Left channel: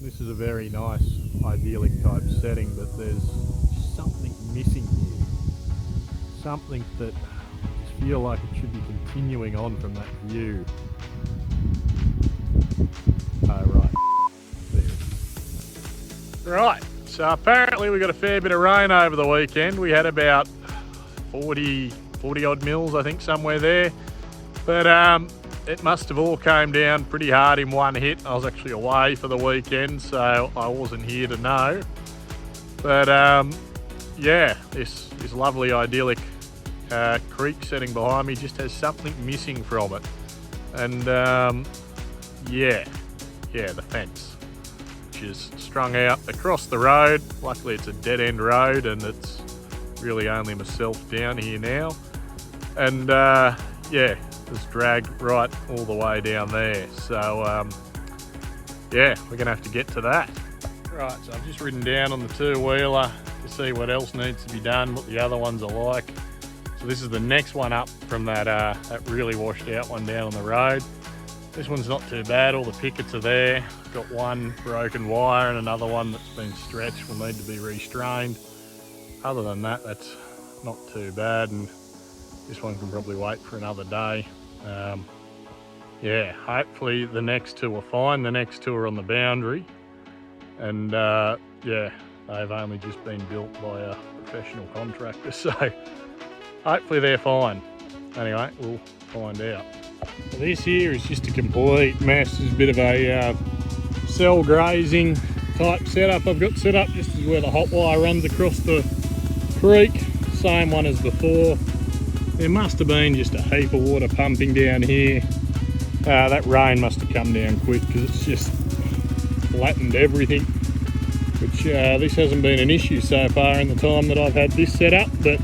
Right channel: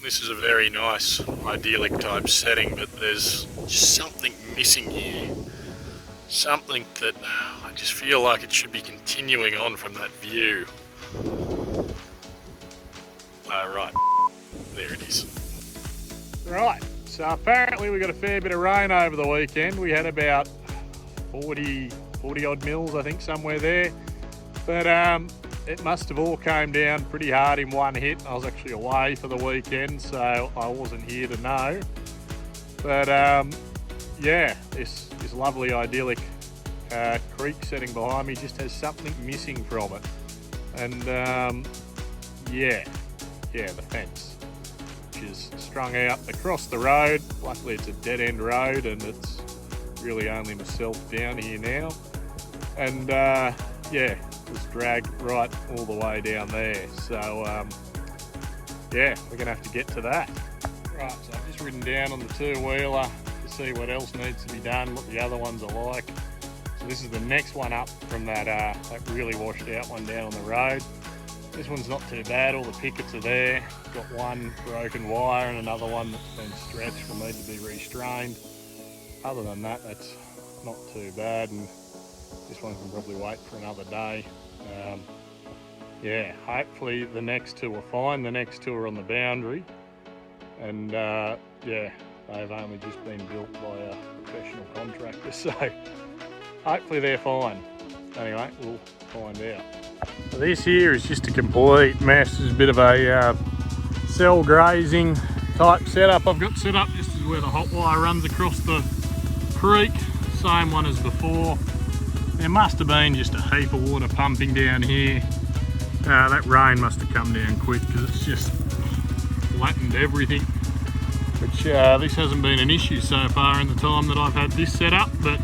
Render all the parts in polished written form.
This is a very nice, idyllic type setting, but there's just something missing here. Something that I just feel like it should be continuing on from that view. Oh, right. There it is. Right, so apparently we got a fair bit of rain over the weekend. We had about 40 odd mils, I think, somewhere there. But it must have all came down pretty hard in one hit. I was actually away for the weekend, so I wasn't here to know. But yeah, this lovely idyllic creek setting behind me just has something missing from it. And yeah, the fence, which is strung out across the road. Luckily it's a dead end road and it's really only myself down here now. And yeah, it was dragged right all the way down there. So yeah, we're gonna have to get to that. Right, so I've just ridden down on the two-wheeler to see what else needs to be done, what the other ones are like. So this is the next one up from that really washed out one down on the road. This one's not too bad, all the pickets are there. Got one broken wire and another one that's been stretched, will need to be restrained. Other than that, that's not too bad, and this one can probably wait for another day. Yeah, hopefully the next two are fine. The next two are on the boundary, and yeah, they've only just been built by a professional contractor, so hopefully they're fine. Anyway, we'll find out. This here is just a complete mess. It's a bit of a cell grazing type setup I've got set up. This is where the hot wire runs across the creek, same one as before. There must have been just a heap of water pumping down here. That rain must have come down quick because it's just flattened everything, which this hasn't been an issue so far in the time that I've had this set up, but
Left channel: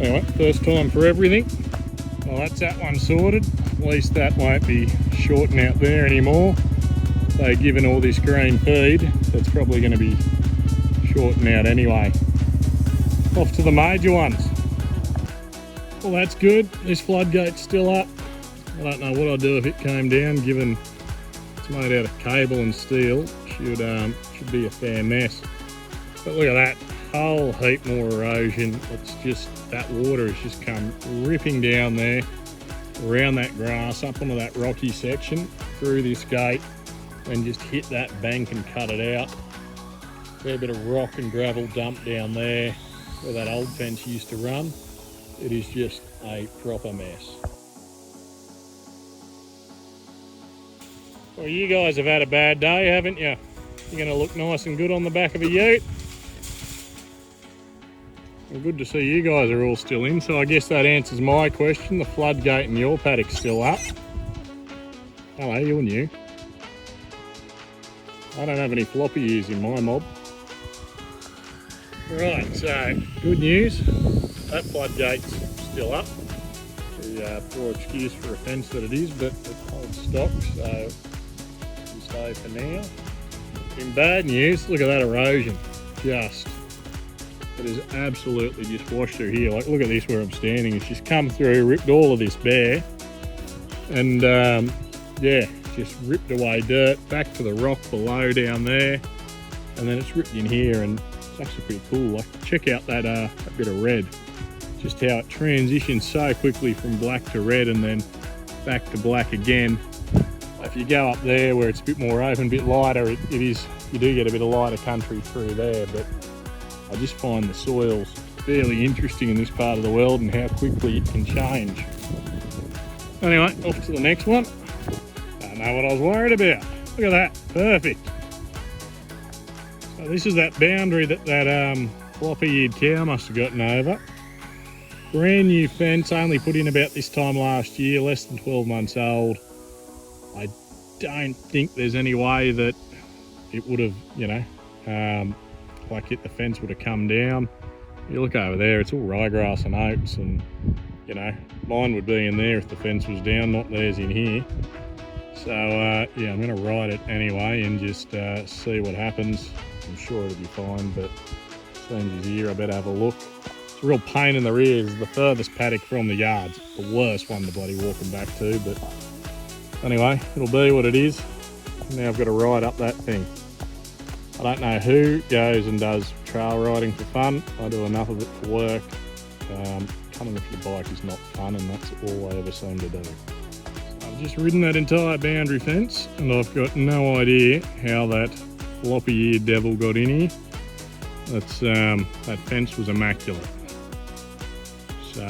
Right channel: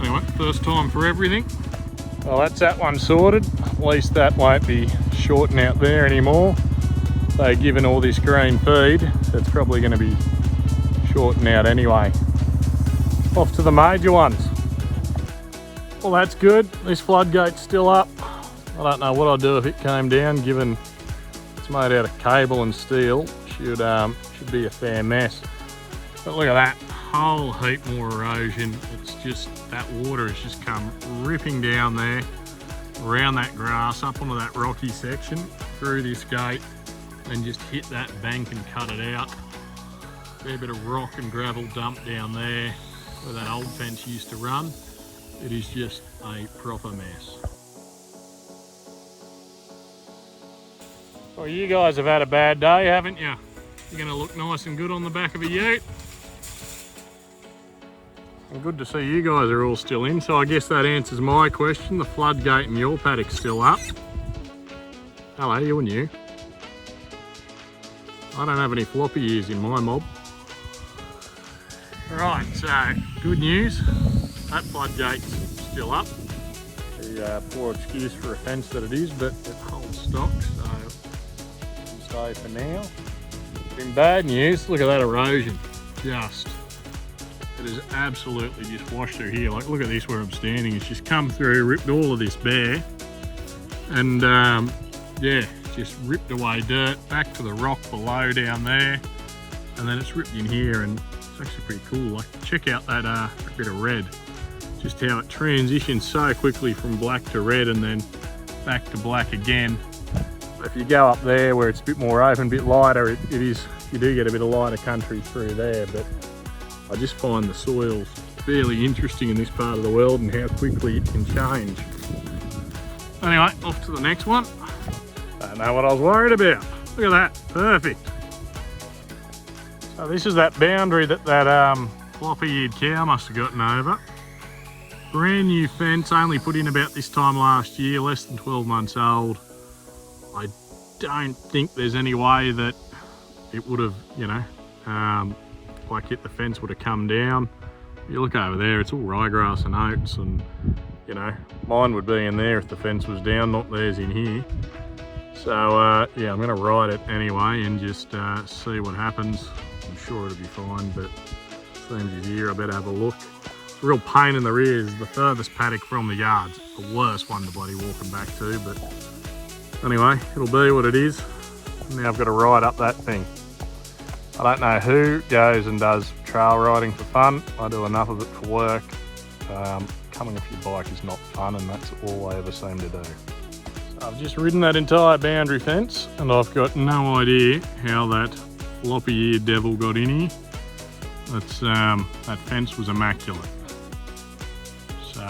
anyway, first time for everything. Well, that's that one sorted. At least that won't be shorting out there anymore. So given all this green feed, that's probably going to be shorting out anyway. Off to the major ones. Well, that's good. This floodgate's still up. I don't know what I'd do if it came down, given it's made out of cable and steel. Should be a fair mess. But look at that, whole heap more erosion. It's just, that water has just come ripping down there, around that grass, up onto that rocky section, through this gate, and just hit that bank and cut it out. Fair bit of rock and gravel dump down there where that old fence used to run. It is just a proper mess. Well, you guys have had a bad day, haven't you? You're going to look nice and good on the back of a ute. And good to see you guys are all still in, so I guess that answers my question. The floodgate in your paddock's still up. Hello, you and you. I don't have any floppy ears in my mob. Right, so good news. That floodgate's still up. The poor excuse for a fence that it is, but it holds stock, so we'll stay for now. In bad news, look at that erosion. It is absolutely just washed through here. Like, look at this where I'm standing. It's just come through, ripped all of this bare, and yeah, just ripped away dirt back to the rock below down there, and then it's ripped in here, and it's actually pretty cool. Like, check out that bit of red. Just how it transitions so quickly from black to red and then back to black again. If you go up there where it's a bit more open, a bit lighter, you do get a bit of lighter country through there, but I just find the soils fairly interesting in this part of the world and how quickly it can change. Anyway, off to the next one. Don't know what I was worried about. Look at that, perfect. So this is that boundary that floppy-eared cow must have gotten over. Brand new fence, only put in about this time last year, less than 12 months old. I don't think there's any way that it would have, like the fence would have come down. You look over there, it's all ryegrass and oats, and mine would be in there if the fence was down, not theirs in here. So yeah, I'm going to ride it anyway and just see what happens. I'm sure it'll be fine, but same as here, I better have a look. It's a real pain in the rear. It's the furthest paddock from the yards. It's the worst one to bloody walking back to, but anyway, it'll be what it is. Now I've got to ride up that thing. I don't know who goes and does trail riding for fun. I do enough of it for work. Coming off your bike is not fun, and that's all I ever seem to do. So I've just ridden that entire boundary fence, and I've got no idea how that floppy-eared devil got in here. That fence was immaculate. So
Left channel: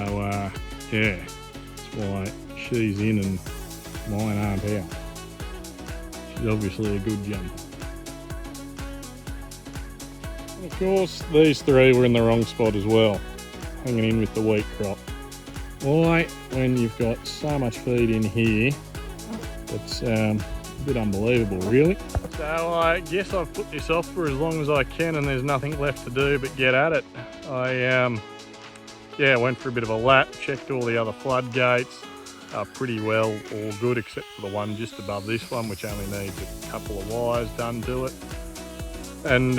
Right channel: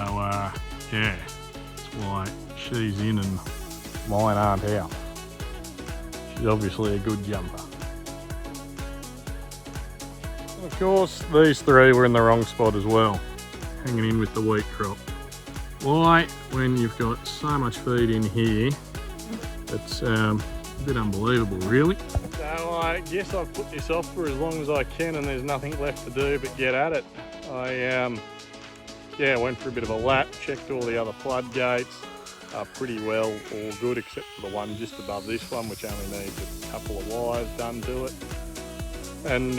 yeah, that's why she's in and mine aren't out. She's obviously a good jumper. Of course, these three were in the wrong spot as well, hanging in with the wheat crop. Why, when you've got so much feed in here, it's a bit unbelievable, really. So I guess I've put this off for as long as I can, and there's nothing left to do but get at it. I went for a bit of a lap, checked all the other floodgates, pretty well all good except for the one just above this one, which only needs a couple of wires done to it. And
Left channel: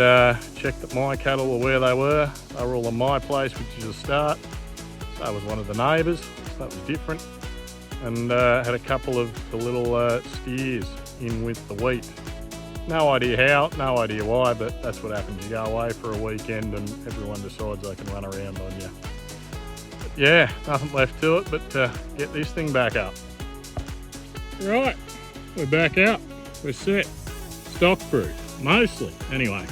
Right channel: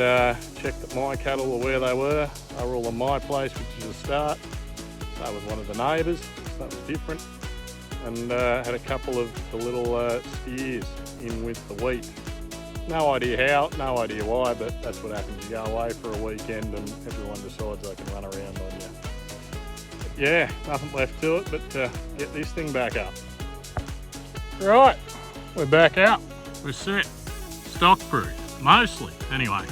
checked that my cattle were where they were. They were all on my place, which is a start. So was one of the neighbours, so that was different. And had a couple of the little steers in with the wheat. No idea how, no idea why, but that's what happens. You go away for a weekend and everyone decides they can run around on you. But yeah, nothing left to it but get this thing back up. Right, we're back up. We're set. Stock proof. Mostly, anyway.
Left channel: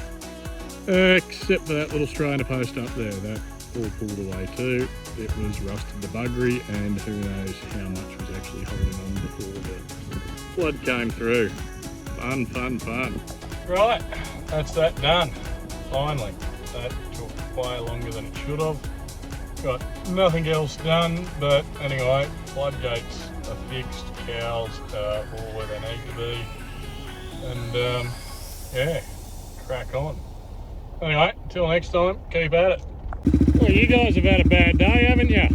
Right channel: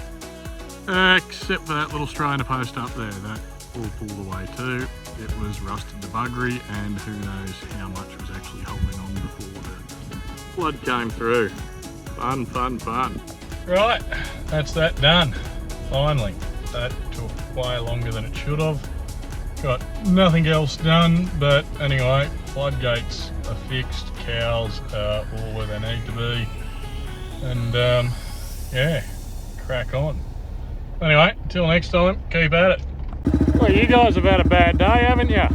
Except for that little strainer post up there, that all pulled away too. It was rusted to buggery, and who knows how much was actually holding on before the flood came through. Fun, fun, fun. Right, that's that done. Finally, that took way longer than it should have. Got nothing else done, but anyway, floodgates are fixed, cows are all where they need to be, and yeah, crack on. Anyway, until next time, keep at it. Well, you guys have had a bad day, haven't you?